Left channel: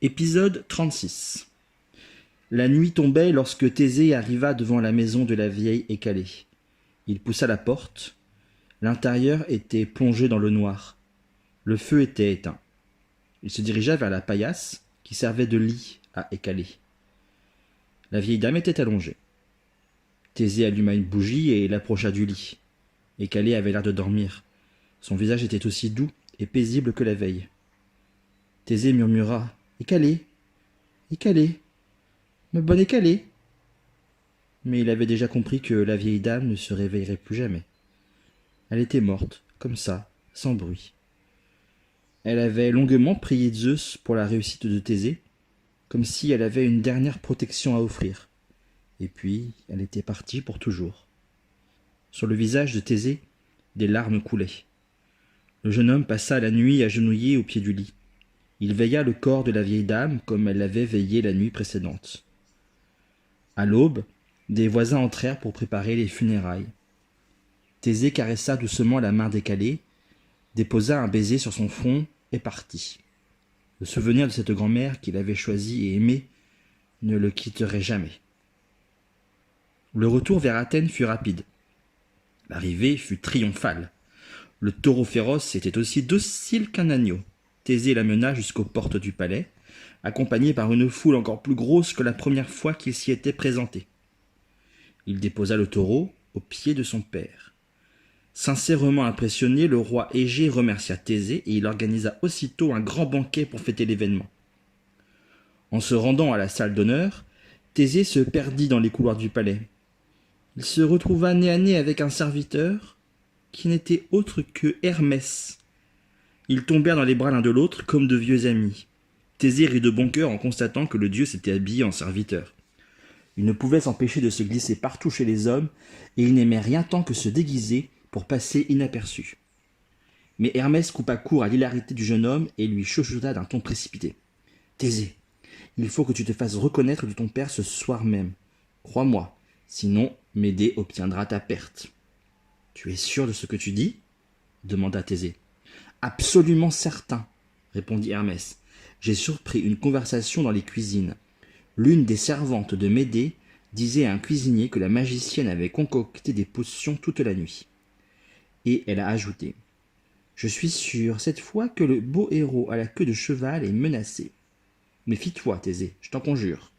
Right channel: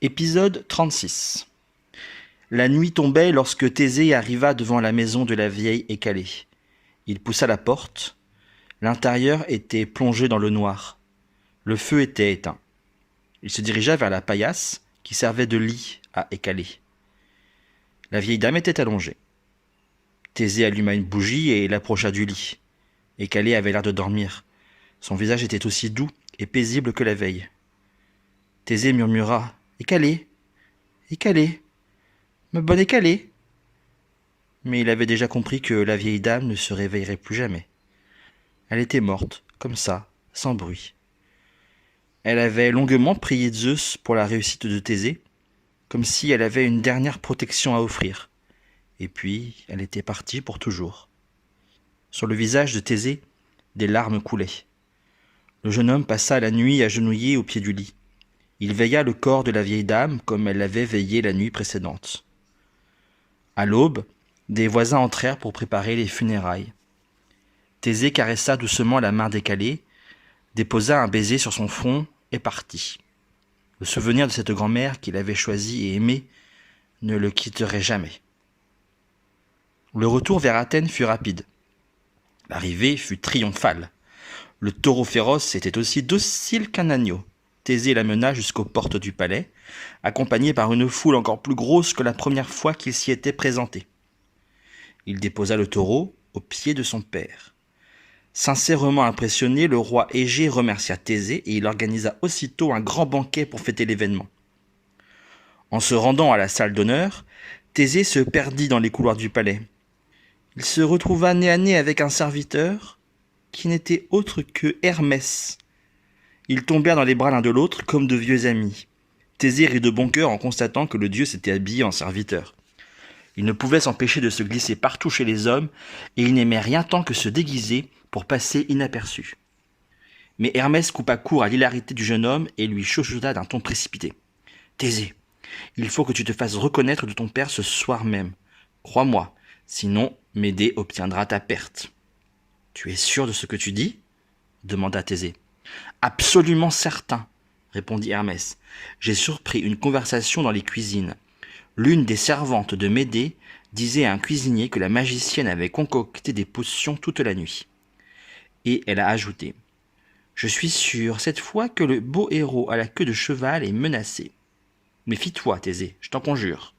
Épisode 36. La nuit tombait lorsque Thésée arriva devant la maison de la vieille Hécalée. Il poussa la porte. L'intérieur était plongé dans le noir. Le feu était éteint. Il se dirigea vers la paillasse qui servait de lit à Hécalée. La vieille dame était allongée. Thésée alluma une bougie et l'approcha du lit. Hécalée avait l'air de dormir. Son visage était aussi doux et paisible que la veille. Thésée murmura « Hécalée, Hécalée, me bonne Hécalée !» Mais il avait déjà compris que la vieille dame ne se réveillerait plus jamais. Elle était morte, comme ça, sans bruit. Elle avait longuement prié Zeus pour la réussite de Thésée, comme si elle avait une dernière protection à offrir. Et puis, elle était partie pour toujours. Sur le visage de Thésée, des larmes coulaient. Le jeune homme passa la nuit agenouillé au pied du lit. Il veilla le corps de la vieille dame comme elle l'avait veillé la nuit précédente. À l'aube, des voisins entrèrent pour préparer les funérailles. Thésée caressa doucement la main d'Hécalée, déposa un baiser sur son front et partit. Le souvenir de cette grand-mère qu'il avait choisie et aimée ne le quitterait jamais. Le retour vers Athènes fut rapide. L'arrivée fut triomphale. Le taureau féroce était aussi docile qu'un agneau. Thésée l'amena jusqu'aux portes du palais, accompagné par une foule encore plus grosse que la première fois qu'il s'y était présenté. Il déposa le taureau aux pieds de son père. Sincèrement impressionné, le roi Égée remercia Thésée et il organisa aussitôt un grand banquet pour fêter l'événement. En se rendant à la salle d'honneur, Thésée se perdit dans les couloirs du palais. Il se retrouva nez à nez avec un serviteur qui n'était autre que Hermès. Ils tombèrent dans les bras l'un de l'autre comme de vieux amis. Thésée rit de bon cœur en constatant que le dieu s'était habillé en serviteur. Il ne pouvait s'empêcher de se glisser partout chez les hommes et il n'aimait rien tant que se déguiser pour passer inaperçu. Mais Hermès coupa court à l'hilarité du jeune homme et lui chuchota d'un ton précipité. « Thésée, il faut que tu te fasses reconnaître de ton père ce soir même. Crois-moi, sinon Médée obtiendra ta perte. »« Tu es sûr de ce que tu dis ?» demanda Thésée. « Absolument certain, » répondit Hermès. « J'ai surpris une conversation dans les cuisines. L'une des servantes de Médée disait à un cuisinier que la magicienne avait concocté des potions toute la nuit. Et elle a ajouté « Je suis sûre cette fois que le beau héros à la queue de cheval est menacé. Méfie-toi, Thésée, je t'en conjure. »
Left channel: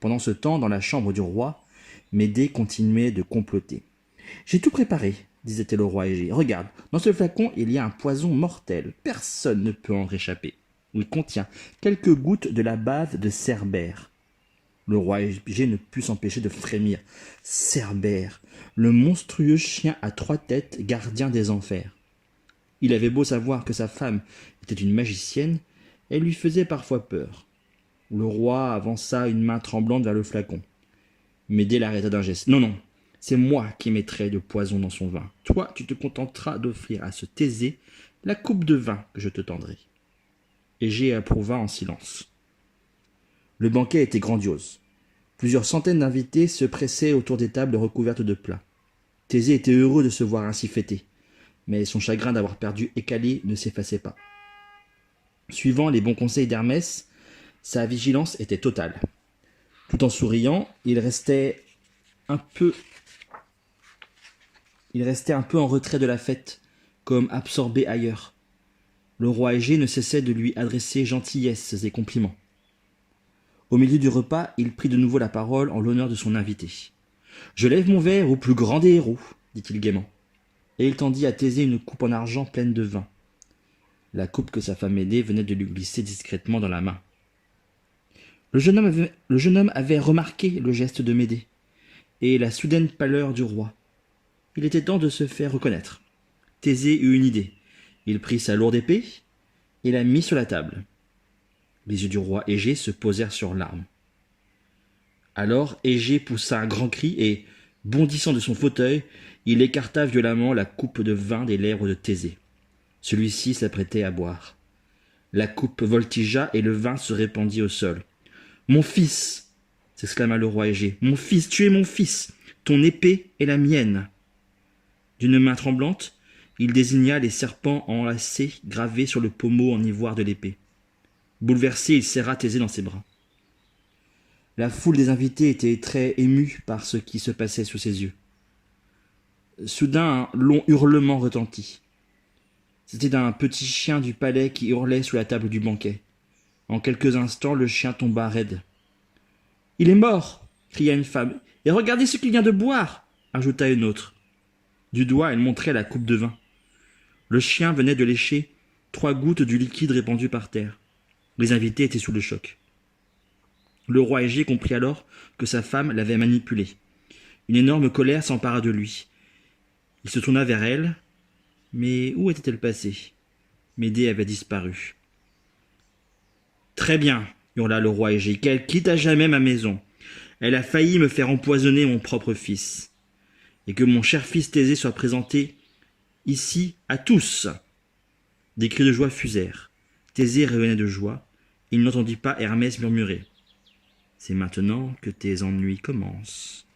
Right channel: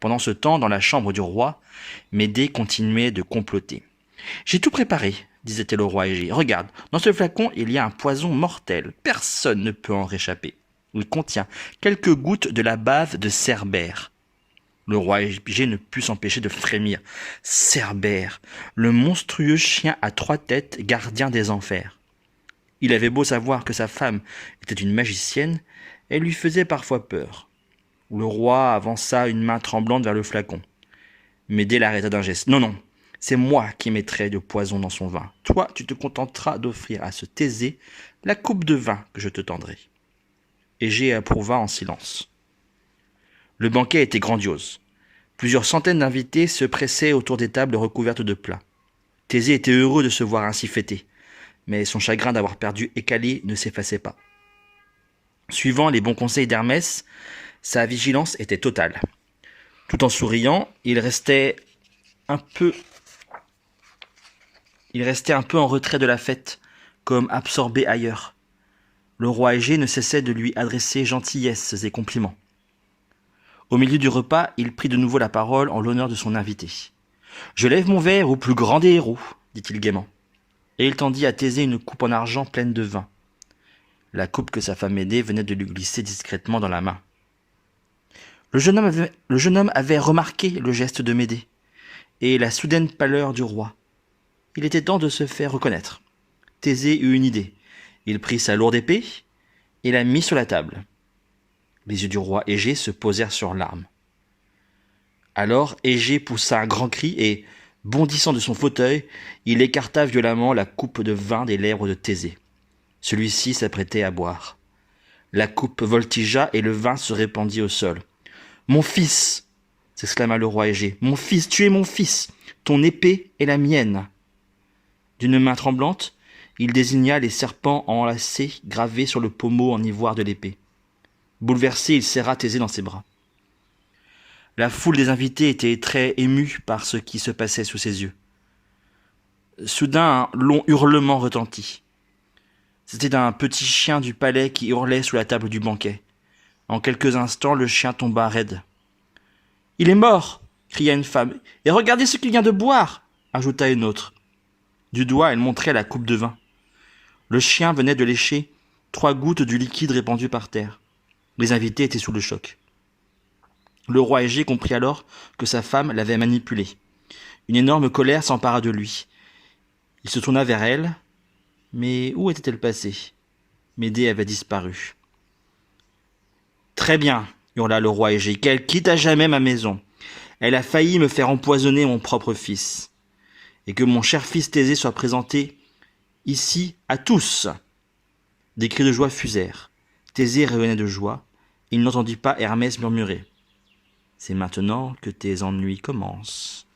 Pendant ce temps, dans la chambre du roi, Médée continuait de comploter. « J'ai tout préparé, disait-elle au roi Égée. Regarde, dans ce flacon, il y a un poison mortel. Personne ne peut en réchapper. Il contient quelques gouttes de la bave de Cerbère. » Le roi Égée ne put s'empêcher de frémir. Cerbère, le monstrueux chien à 3 têtes, gardien des enfers. Il avait beau savoir que sa femme était une magicienne, elle lui faisait parfois peur. Le roi avança une main tremblante vers le flacon. Médée l'arrêta d'un geste. « Non, non, c'est moi qui mettrai du poison dans son vin. Toi, tu te contenteras d'offrir à ce Thésée la coupe de vin que je te tendrai. » Égée approuva en silence. Le banquet était grandiose. Plusieurs centaines d'invités se pressaient autour des tables recouvertes de plats. Thésée était heureux de se voir ainsi fêté, mais son chagrin d'avoir perdu Hécalée ne s'effaçait pas. Suivant les bons conseils d'Hermès, sa vigilance était totale. Tout en souriant, il restait un peu en retrait de la fête, comme absorbé ailleurs. Le roi Égée ne cessait de lui adresser gentillesses et compliments. Au milieu du repas, il prit de nouveau la parole en l'honneur de son invité. « Je lève mon verre au plus grand des héros, » dit-il gaiement. Et il tendit à Thésée une coupe en argent pleine de vin. La coupe que sa femme Médée venait de lui glisser discrètement dans la main. Le jeune homme avait remarqué le geste de Médée et la soudaine pâleur du roi. Il était temps de se faire reconnaître. Thésée eut une idée. Il prit sa lourde épée et la mit sur la table. Les yeux du roi Égée se posèrent sur l'arme. Alors Égée poussa un grand cri et, bondissant de son fauteuil, il écarta violemment la coupe de vin des lèvres de Thésée. Celui-ci s'apprêtait à boire. La coupe voltigea et le vin se répandit au sol. « Mon fils !» s'exclama le roi Égée. « Mon fils, tu es mon fils. Ton épée est la mienne. » D'une main tremblante, il désigna les serpents enlacés gravés sur le pommeau en ivoire de l'épée. Bouleversé, il serra Thésée dans ses bras. La foule des invités était très émue par ce qui se passait sous ses yeux. Soudain, un long hurlement retentit. C'était un petit chien du palais qui hurlait sous la table du banquet. En quelques instants, le chien tomba raide. « Il est mort !» cria une femme. « Et regardez ce qu'il vient de boire !» ajouta une autre. Du doigt, elle montrait la coupe de vin. Le chien venait de lécher 3 gouttes du liquide répandu par terre. Les invités étaient sous le choc. Le roi Égée comprit alors que sa femme l'avait manipulé. Une énorme colère s'empara de lui. Il se tourna vers elle, mais où était-elle passée ? Médée avait disparu. « Très bien, hurla le roi Égée, qu'elle quitte à jamais ma maison. Elle a failli me faire empoisonner mon propre fils. Et que mon cher fils Thésée soit présenté ici à tous. » Des cris de joie fusèrent. Thésée rayonnait de joie. Il n'entendit pas Hermès murmurer. « C'est maintenant que tes ennuis commencent. »